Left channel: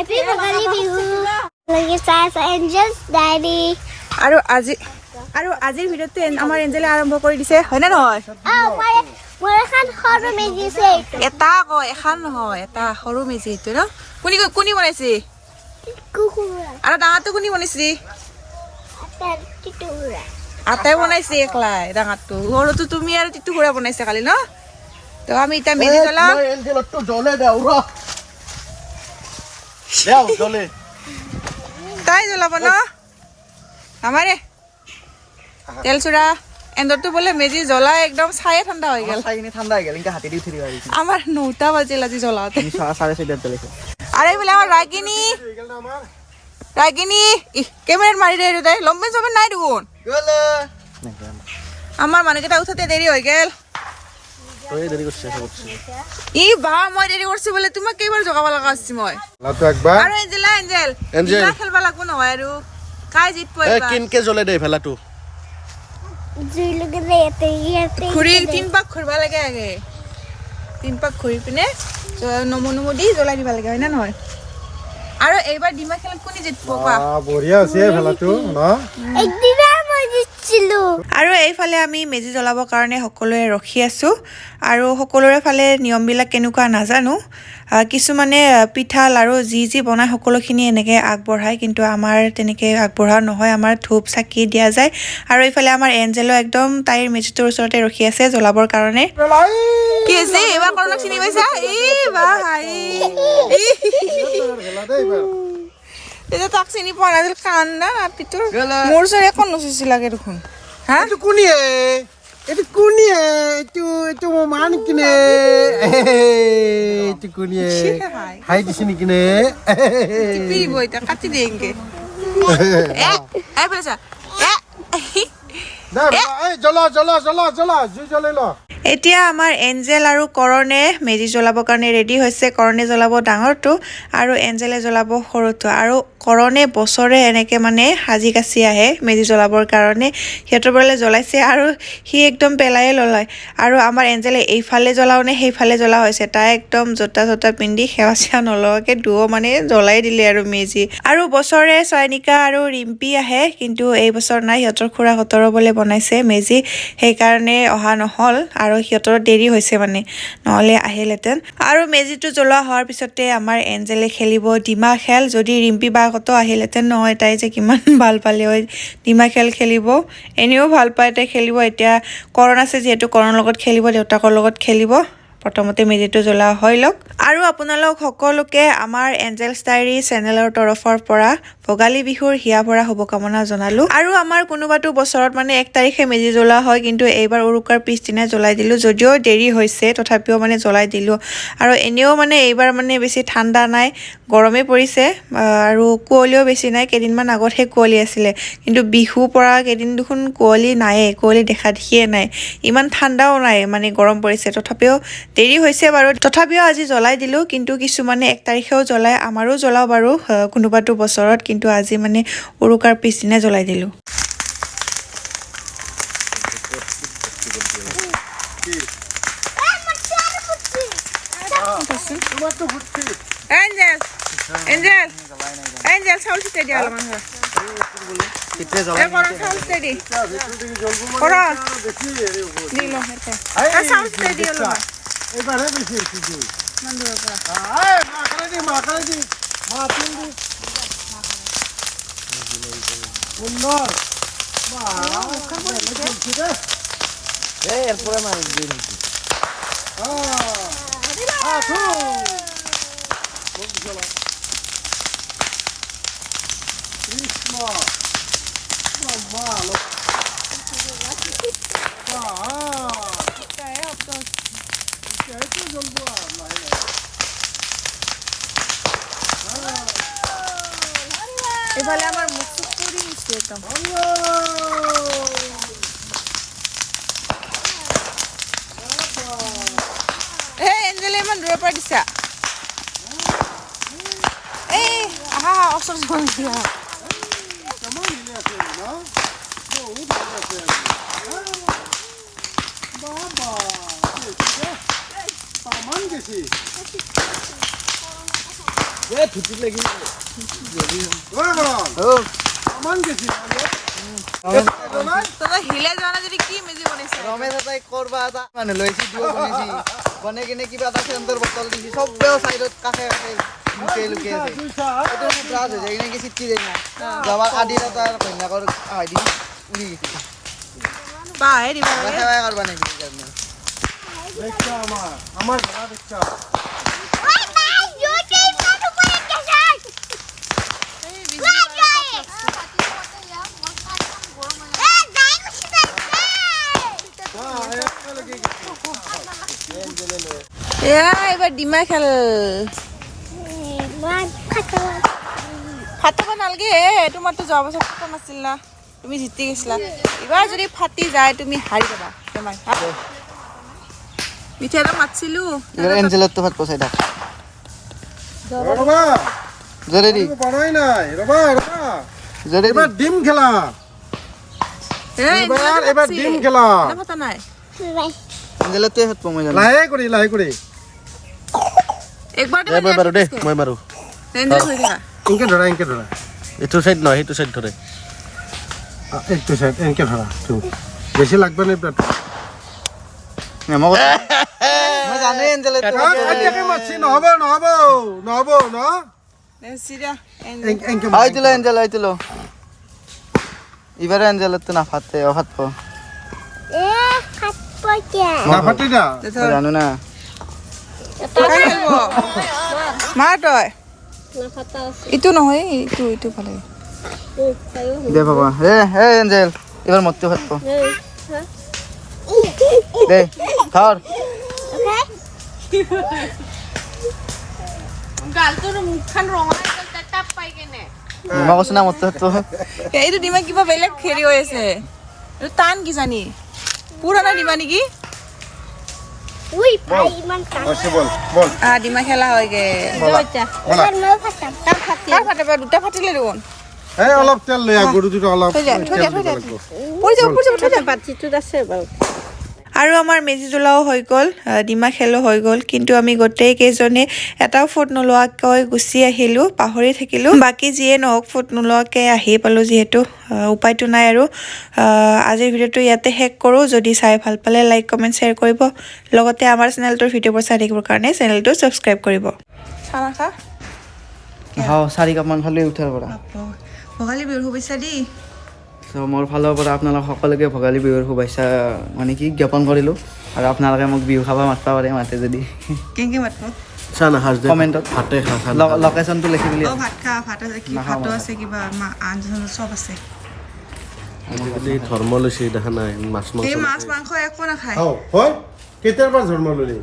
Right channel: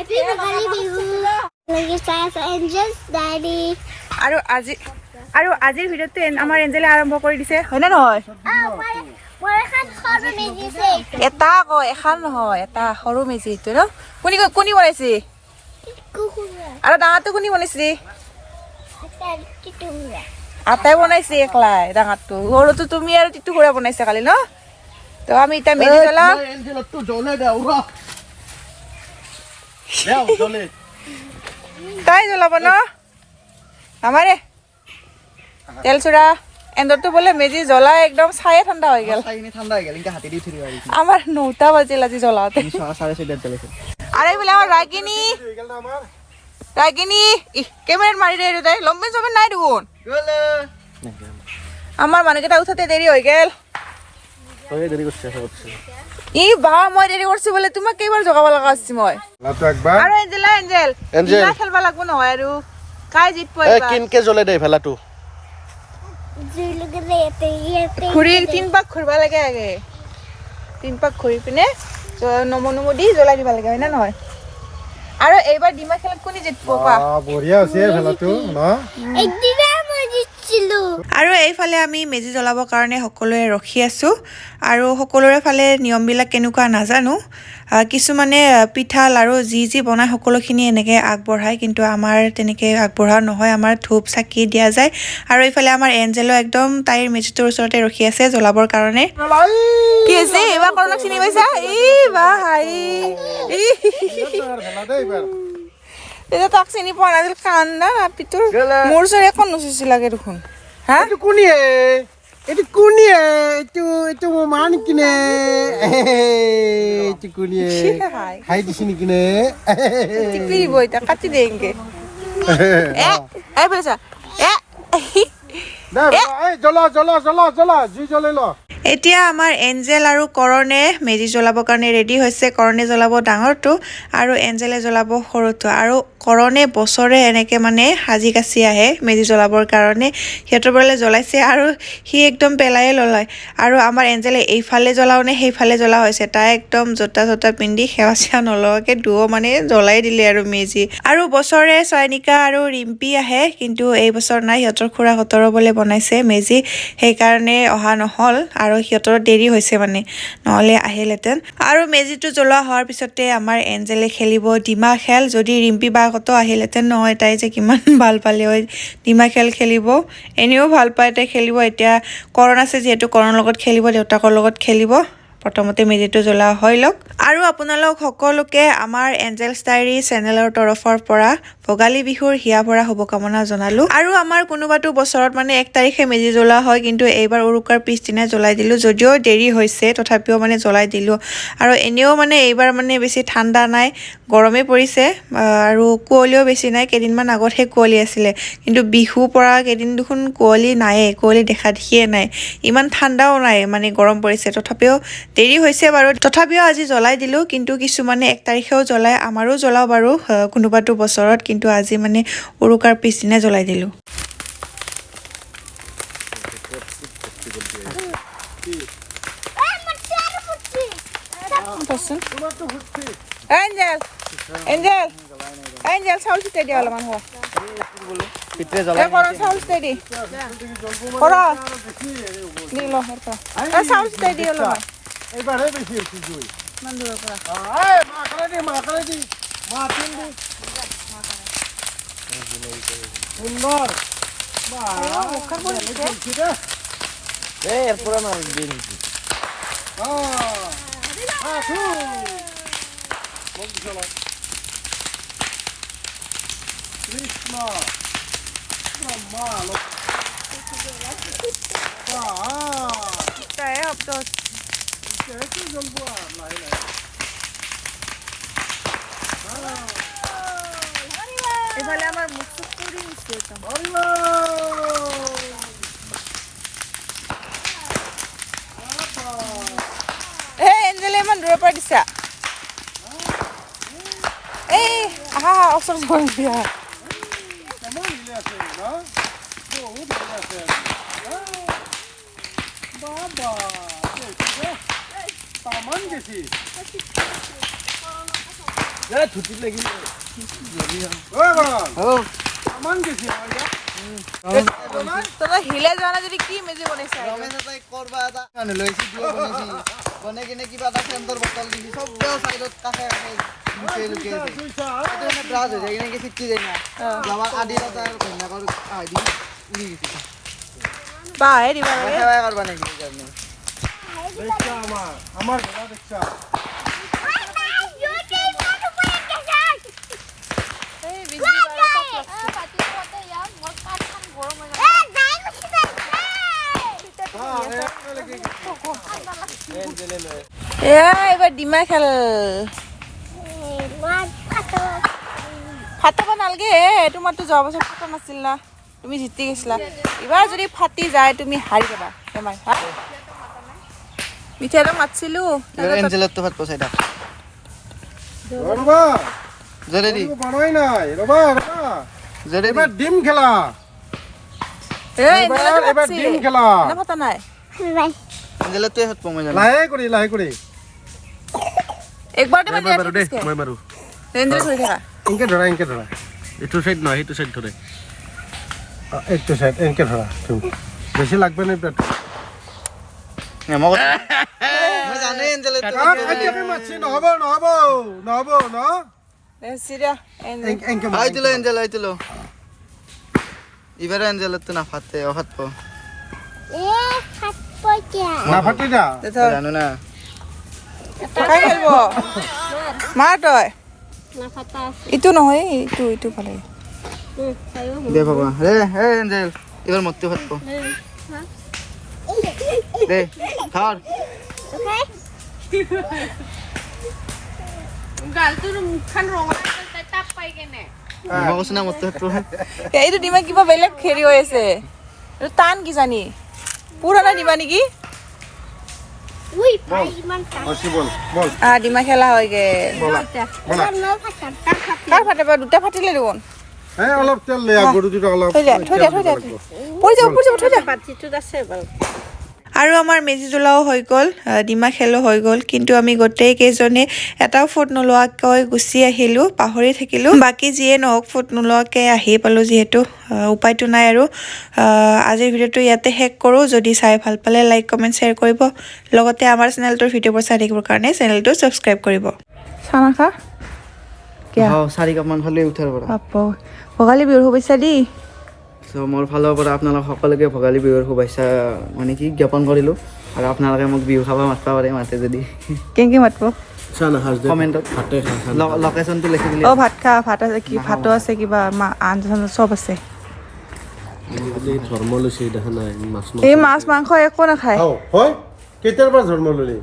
Happy Bhagani Bihu. Like stars angels daddy. আৰু আজিৰ ভিডিঅ'তে আমাৰ এঞ্জেলে আৰম্ভ কৰি দিছে হয় না নহয় মোৰ এখন সৰু মেজি আছে এটা এখন নহয় এটা সৰু মেজি এইটো ন কোনি বনাইছি কুকুৰা আৰু ডাঙৰটো কোনি বনাইছি এটা টিটুৰা আটাই বনাইছি একলাই ডাঙৰটো সৰুটো তুমি আৰু টিটুৰা বনাইছা কালি ন তো আমি এটা মেজি জ্বলাম এঞ্জেলটো জ্বলে দাও ৰ দাও জ্বলে তাই জ্বলাব ন আমারে তেল চুরা এন্দরটো বলে মেজি জ্বলা একদম ছায়ে ঠান্ডা হয়ে গেল চাইনি ঠান্ডা হয়ে গেল ইনকা হাতে দিয়ে উঠি দিবা আমার 9টা বাজিল আজি জ্বলাতে 4:30 জ্বলেছে আরে বলে আমার রাগিনী ক্যামেরা মারি রে দে লম্বে জমে নাই দুগুন জ্বলে আমার মানুষটা উঠাতে দেরি হয়ে গেল তোরে দেরি করছে ই বা মই দেরি করছি বলে তোমাক কেইবার জগাব লাগা আছে মই লাতো একবার আরে এঞ্জেল এঞ্জেল খেলবা লাগবো নহয় আৰু কাই জিত এ পয়বা কিনকে জ্বলে দে ফেলাটো জুলুকে এতে ঘুরি তিন পাক ঘুরবা লাগে আগে তিন পাক ঘুরি পিনে নমো দি জ্বলাই দিবা লাগে হয় না নহয় আৰু এইবাৰ ডিমা খেল কোনি জিতব পা বঢ়িয়া আছে ফেলাটো ন একদিনা মই জিতছিলো আৰু এইফালে আমি মেজি জ্বলাবৰ কাৰণে সকলোৱে ৰখি আছোঁ আৰু সকলোৰে ফালে নিয়মবিলাক কেনেকুৱা নাজানো কিছুমানে পিঠা লাৰু যি বনায় সকলোখিনি এনেকৈ আগবঢ়ায় কিন্তু আমাৰ তেনেকৈ আগবঢ়া নহয় আমাৰ ধূপ চাকি দিয়া যায় আৰু এইফালে আমাৰ এঞ্জেলো একদম তাইৰ মেজিটোৰ ওচৰতে ৰখি আছে জ্বলাবৰ কাৰণে কি আছে এইবাৰ কৰণক চিনি পাইছা বা হাই এটা তাক চিনি পোৱা নাছিল কান্দা নাপিটোৰ মোৰ ওচৰত একো নুচুচি লাগে দেখোন হা এটো কোনিয়ে এটো মান কিনে এটো কোনিয়ে হাই দিছি নি কিনে টিপি বইটা কাটি দেंगे এ বলেছা জ্বলা জি জ্বলে ল এতিয়া আমাৰ এঞ্জেল আৰু কৰণে মেজি জ্বলাবৰ কাৰণে ৰেডি হৈছে কৰণে জ্বলাব ডাঙৰটো আৰু এঞ্জেলে জ্বলাব সৰুটো আৰু কৰণে বছৰে এনেকৈ মানে সাজি কাচি আহে মেজি জ্বলাবৰ কাৰণে সিহঁতৰ বোলে জ্বলাইছে আৰু সি একদম পেলায়ে ললায় আৰু আমাৰ এঞ্জেলে এইফালে জ্বলাও নে সেইফালে জ্বলা হৈছে তাই একদম জোতা পিন্ধি সেৱা চেৱা নলগাকৈ দুয়ো মানে জ্বলাই দিলে আৰু মেজি আৰু বছৰে চয়নিকা আৰু ৰিম্পি আহে কিন্তু এই বছৰ নাই সিহঁতৰ খুৰাহঁতৰো বোলে বনাইছে মেজি সেইকাৰণে অহা নহ'ল আৰু সিহঁতৰ দেৰি হৈছে মানে নহ'লে আহিলেহেঁতেন আৰু মেজিটো জ্বলোৱা হোৱাৰ পিছতে আমাৰ এঞ্জেলে খেলিব ডিমা খেল যদি ৰিম্পি বাহঁতো আহিলেহেঁতেন নহয় তাই যে কিমান ভাল পালে হয় ডিমা খেল খেলিব এনেও ভাল পায় তাই খেলিব এতিয়া কৰণ আছে যিহেতু কৰণৰ লগত খেলিব দেউতাকৰ লগত খেলিব প্ৰথমতে মেজিটো জ্বলা হৈ লওক আৰু আপোনালোক সকলোকে আমাৰ এঞ্জেলছ ডায়েৰী চেনেলৰ তৰফৰ পৰা ভোগালী বিহুৰ হিয়া ভৰা শুভকামনা জনালোঁ আৰু আমাৰ কোনোবাটো বছৰত মানে 1 তাৰিখে মেজি জ্বলা হয় কিন্তু এইবাৰ উৰুকাৰ পিছদিনা জ্বলাই দিলোঁ যদিও দেৰি হৈছে তথাপিও মানে জ্বলাই দিলোঁ আৰু এনেও মানে এইবাৰ মানে বেছি ঠাণ্ডা নাই গৰমে পৰিছে আৰু কুঁৱলীও বেছি নাই কেইদিনমান আগতহে কুঁৱলী আছিলে কিন্তু বিহু পৰা কেইদিন দেখোন কুঁৱলী নায়ে কুঁৱলী দেখা দেখিয়ে নাই ইমান ঠাণ্ডাও নাই মানে গৰম পৰিছে তথাপিও দেৰি হৈছে বাৰু তথাপিও আজি জ্বলাই দিলোঁ কিন্তু কিছুমানে 1 তাৰিখেও জ্বলাই আমাৰো জ্বলাও বাৰু কোনোবাটো বছৰত কিন্তু আজি মানে উৰুকাৰ পিছদিনা জ্বলাই দিলোঁ এঞ্জেল চাউল চিটাই দিয়া অলপমান হয় কিতৰে জ্বলা চাউল চিটাই দি কৰ দি ল চাউল চিটাই দি অলপমান এবাৰে বেশি হইছে মান দূৰৰ পৰা মাখলে দি মাতিন দি সুন্দর বাহ ওখান বলে চলছে রে এরপরে মার দিন আঠু বন্ধ চলো কৃষ্ণ ব্রহ্মা লোক তাই হতো একটু জ্বলবো নাই এফালে আমার মুখ পুরি নিচ্ছে একদম এঞ্জেলে ইমান দূৰৰ পৰা দিছা এই আহা ওচৰ জল দিয়া বাবা তামান গেছি এই ধুতিত লাগি ঐ কৰণ আমান গেছি তই হিলে যোৱা নাই যদি কি মেজি বনাইছা ৰমেশ এটাই কৰবা এটা মানুহ লৈছি দিব বনাইছি বনাই কিনে কিবা এটা চেণ্টাৰ বটল দিছি চবেও চাইডত কাষে কাষে লুকিয়ে আছে এইটো মানে ব্লাজ হৈ যায় কিনে চিটকি যায় না যাবা কাটি এটা ঘৈণীয়েকৰ আহাই দি উৰি গেছি বাহে দিবা লাগে সেৱাই কৰবা নেকি দেখছা আমাৰ ঘোড়া দেখছা এইবাৰ ডিমা খেল ফাটাব নালাগে তোমাৰতো যোৱা বছৰ ফাটা নাছিল না তুমি জিতি গৈছিলা এইবাৰ যদি ফাটি যায় তুমি হাৰি যাবা বেমাৰ মিঠাইটো মাতিছিলো এঞ্জেলতো ভাত পচাই থাক ৰবা জৰে দি বনাই নাই ৰবা জৰে দি এবাৰ ডিম খেলা এবাৰ ডিম খেলা ফাটা নাই এঞ্জেলটোৱে ভাত পমাই জানো লাহে কৰি একবাৰ মাৰো দে মই মাৰো ৰেঞ্জত হৈ থাকা ইনকে ধৰা এইটো চাইড নহয় সেইটো চাইড ধৰে এইটো চাইড এনেকে ধৰা তুমি বেছি লাগবে নে পেট মই জানো এঞ্জেলটো কাটিয়াকে মাছি নহব ন চিৰা এনেকে আইতিলো এঞ্জেল আইতিলো ইবারে এঞ্জেলটো না ফাটে অফাত পো নাফাটি না জানো না কাই খেলব মাৰ তই ইটো নহয় ইটো ভালে দে ভগৱান হে এঞ্জেল এবাৰ মতটো ভাত পো দে ধৰ মই কৈছো না মতটো ভাত পো এইটো ডিমা কিবা বেলেগ হেৰি হৈ আছে এইটো টান কি জানি পুৰণা ডিমা নেকি বল ডিমা খেলা হয়গে কাৰ ফাটে বাৰু দুটা ফাটিলে দেখোন এই অলপ তেল লৈ গৰু দুটো অলপ থৈ দিয়া পৰি যাব থৈ দিয়া আৰু আমাৰ মেজি জ্বলাও হৈ গ'ল ডিমা খেলো হৈ গ'ল কিন্তু আমি গোটেই কেইজনে এটাও ফুট নোলোৱাকৈ গুচি আহিলোঁ পাহৰি থাকিলোঁ বাকী যিয়ে নহওক ফুট নোলোৱাকৈ আহি পালোঁ যিহেতু উপায়টো নাই আৰু আজিৰ ভিডিঅ'টো ইয়াতে শেষ কৰোঁ যদি চাই ভাল পালে লাইক কমেণ্ট শ্বেয়াৰ কৰিব লগতে আমাৰ চেনেলটোৰ ভিডিঅ'বোৰ চাই থাকিবৰ কাৰণে চেনেলটো ছাবস্ক্ৰাইব কৰিব হাও 4 কাপ মান খালে উঠাৰ পৰা ভোগালী বিহুৰ শুভেচ্ছা দেই সো মোৰ ফালৰ পৰা আপোনালোক সকলোকে ভোগালী বিহুৰ শুভেচ্ছা মানে কি জ্ঞাপন কৰিলোঁ আৰু আপোনালোকে মোক বিহু খাব মাতিব পাৰে মাতে যদি কেনেকৈ মাতিব চানা হাজ দে কমেণ্টত ভাতে খা লোকেশ্যনটো লিখি দিলে ভাত খা ভাত আছে কি ভাতো আছে কিবা আঞ্জা চাঞ্জা চব আছে ধৰ্ম লৈছে দেখা নাই মাছ এই মাছ মাংস একো নাখায় হয় কেতিয়াৰ পৰা জন্ম ললি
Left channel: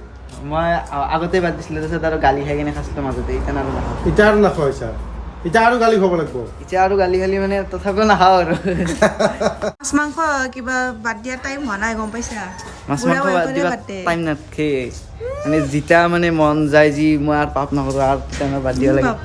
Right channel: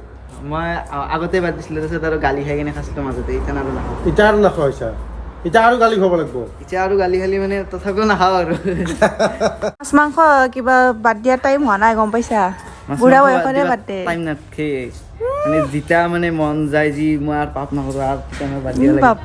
মই আগতে বাদ দিছিলোঁ তাৰপিছত আৰু গালি খাই কিনে খাইছিলোঁ মাজতে এতিয়া আৰু নাখাওঁ এতিয়া আৰু নাখাইছা এতিয়া আৰু গালি খাব লাগিব এতিয়া আৰু গালি খালি মানে তথাপিও নাখাওঁ আৰু মাছ মাংস কিবা বাদ দিয়া টাইম হোৱা নাই গম পাইছা মাছ বুঢ়া মাংস বয়সতে বাদ দে টাইম নাথাকে মানে যেতিয়া মানে মন যায় যি মই আৰু পাপ নকৰোঁ আৰু তেতিয়া মই বাদ দিব লাগে বাপ